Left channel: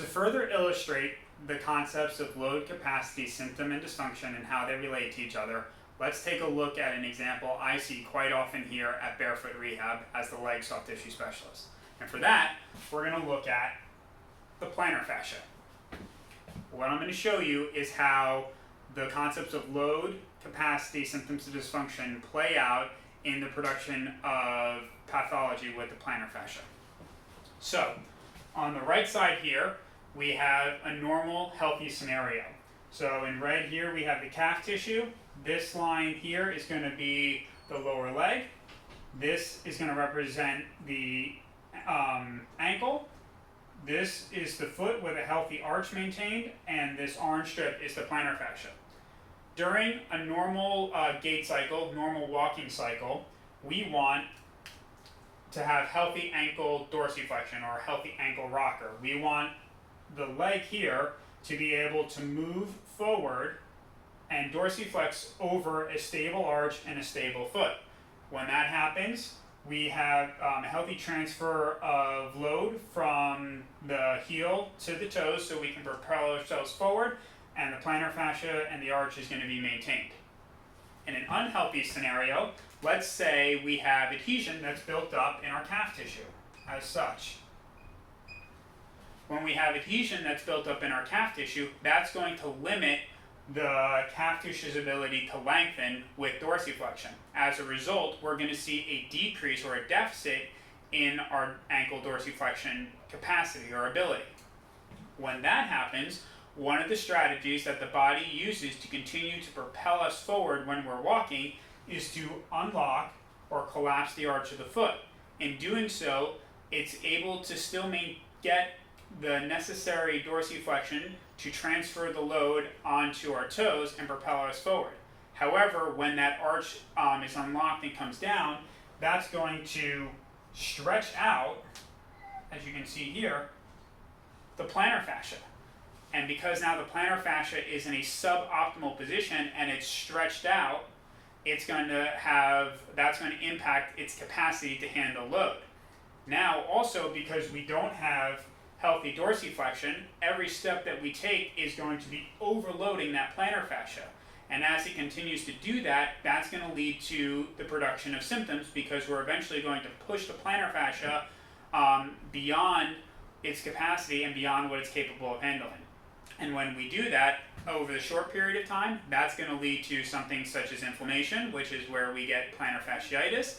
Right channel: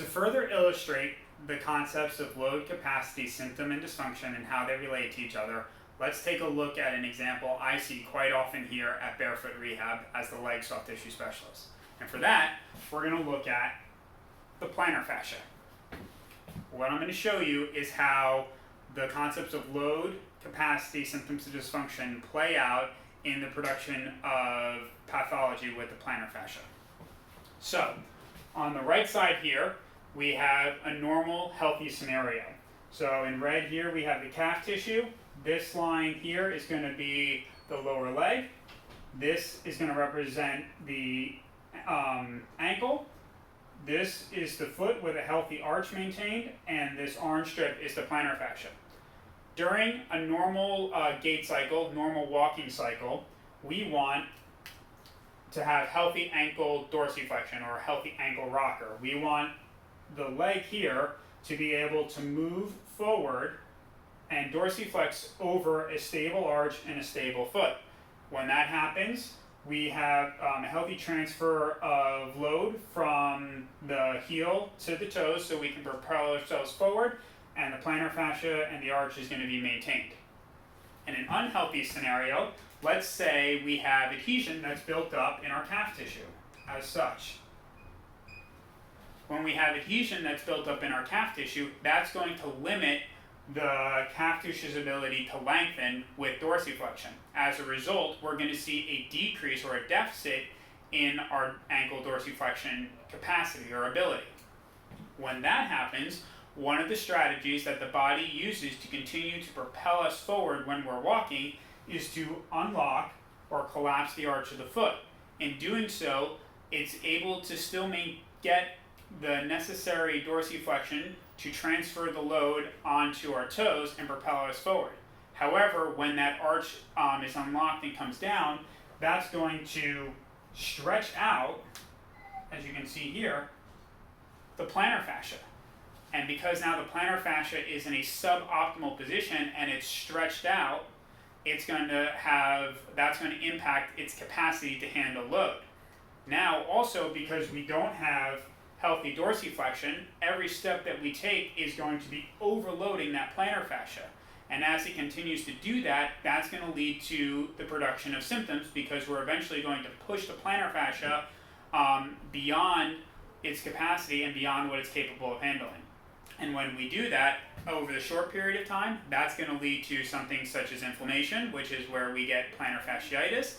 To further illustrate the concepts of load, capacity, symptom, and dysfunction and how they relate to each other, let's take a look at an example I see quite often here at Barefoot Rehab as the leg soft tissue specialist. And for that, we're going to look at the plantar fascia. What I'm going to show you is how the concepts of load, capacity, symptoms, and dysfunction play out in the production of pathology with the plantar fascia. So, on the right side here, we have a normal, healthy scenario. So in red here, we have the calf tissue. This line here is going to be the lower leg. This is going to represent the ankle. This is the foot with a healthy arch maintained, and this orange strip is the plantar fascia. During a normal gait cycle, normal walking cycle, we want to have healthy ankle dorsiflexion or healthy ankle rocker. We want the leg here to be able to move forward and dorsiflex over a stable arch and a stable foot. When that happens, we have a healthy transfer of load from the heel to the toes so we can propel ourselves forward, and the plantar fascia and the arch is going to be maintained. In an unhealthy scenario, let's say we have adhesion that's built up in our calf tissue as such. When we have adhesion that's built up in our calf tissue, that's going to limit the calf tissue's ability to lengthen with dorsiflexion. As a result, we're going to see a decrease or a deficit in our ankle dorsiflexion capacity or ability. When that happens, one of the strategies that the body uses to continue to propel us forward when we're walking is to unlock or collapse the arch of the foot. In doing so, it's able to still get the necessary dorsiflexion to transfer the load onto our toes and propel us forward. However, when that arch is unlocked and comes down, that's going to stretch out, as you can see here, the plantar fascia. And because now the plantar fascia is in a suboptimal position and it's stretched out, that's going to impact its capacity to handle load. Now, also because we don't have healthy dorsiflexion, every step that we take is going to be overloading that plantar fascia. And as it continues to do that, that's going to lead to the production of symptoms because we're eventually going to push the plantar fascia beyond its capacity and beyond what it's capable of handling. And when we do that over the short period of time, that's going to lead to something such as inflammation, which is where we get plantar fasciitis.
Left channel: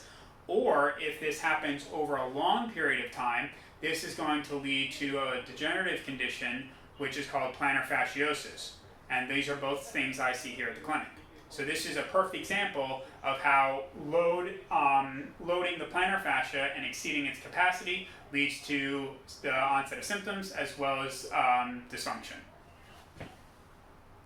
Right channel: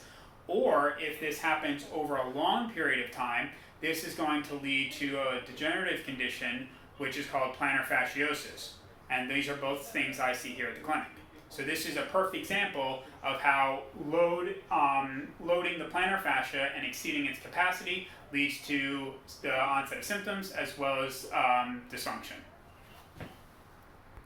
Or if this happens over a long period of time, this is going to lead to a degenerative condition, which is called plantar fasciosis. And these are both things I see here at the clinic. So this is a perfect example of how loading the plantar fascia and exceeding its capacity leads to the onset of symptoms as well as dysfunction.